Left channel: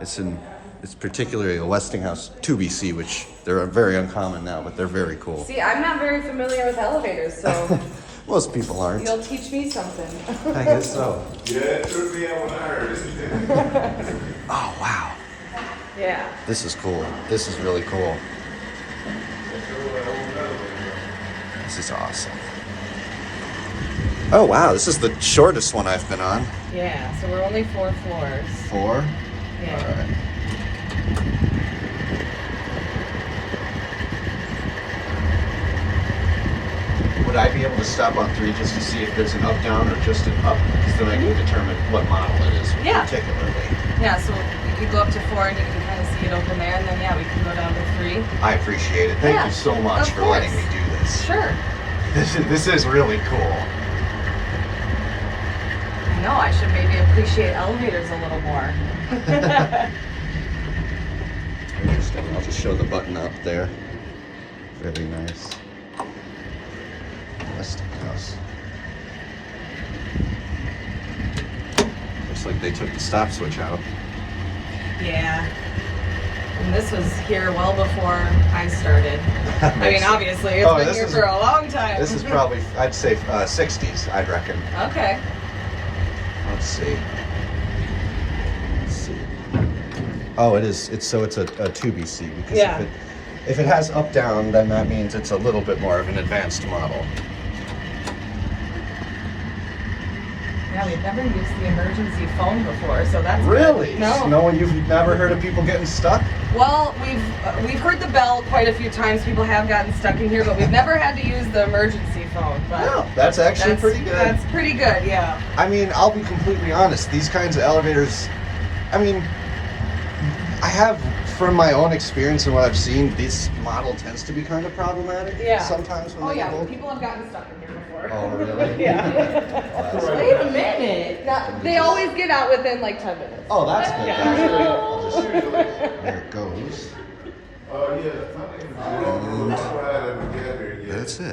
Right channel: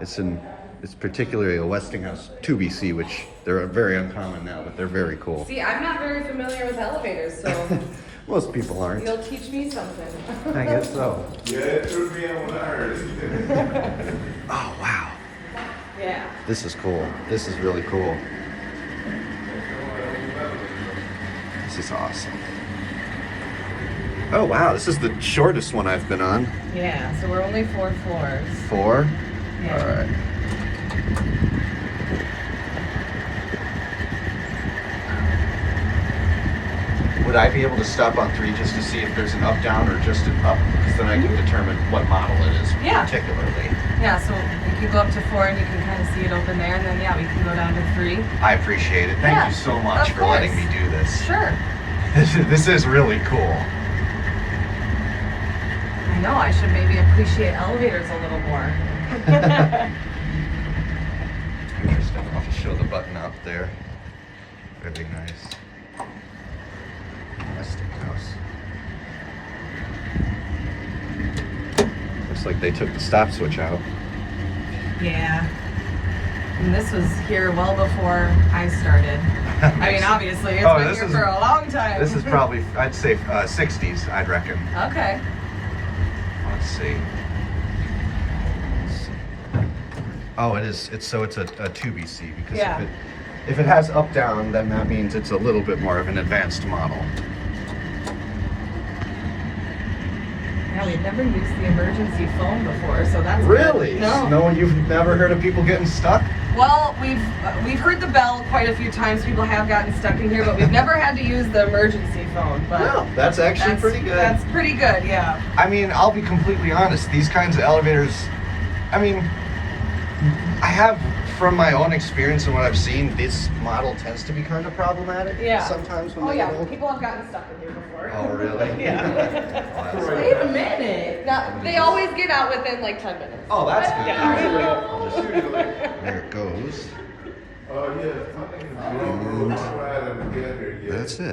It's particularly a Westinghouse 2BC, which they're very uncommon now, but they're very cool. See, I'm not very familiar with elevators, so Most people aren't. you'll teach me something. I guess so. Yeah, it took me on ours. Oh, wow. Yeah. This is cool. This is really cool. This is awesome. Oh, wow. This is the shortest one I've been on. Yeah, so we're only 4 floors. 4? Yeah. All right. Would I be able to stop on 3 just to see if there's an up, down, or just an up? So then I can determine what model it is Yeah. particularly. Yeah, so we can go up to 4 and you can kind of see it open there, and then yeah, we can go down to 3. I appreciate it. Thank Yeah, you so much of for letting course. me do this. Sure. This is really cool. I know, I should maybe appreciate elevators a little more. Interesting. I'll just show the button up there. Very nice. Westinghouse. Looks like they took the stop switch out. Yeah. And this was here well before I started. I mean, obviously, it's been here for a long time. This is probably, I'd say, 60s, I'd reckon. Okay. Let's see. Let's see. Oh, it is. It's a 2BC because Yeah. if it has up down, then that means it's a little bit more of an advanced model. Yeah, we've never used the emergency phone before, so that's Really? good. No. No, you've never heard of people getting stuck? Well, we've heard the bell quite a few times. People have gotten stuck in here, but we've never had to use the emergency phone. But No, that's actually pretty good. That's pretty good, yeah. I mean, I'll be completely honest. These kinds of elevators, I mean, I have, from my own experience and what I've seen, this model tends to be kind of problematic. Yeah. Sometimes when Oh they yeah, go. people have gotten stuck in here before. Oh, really? Yeah. Wow. Wait a minute. They always get out within like 10 minutes. Oh, that's good. Usually, I'll just- usually. There it goes. Oh, yeah, something. That's it.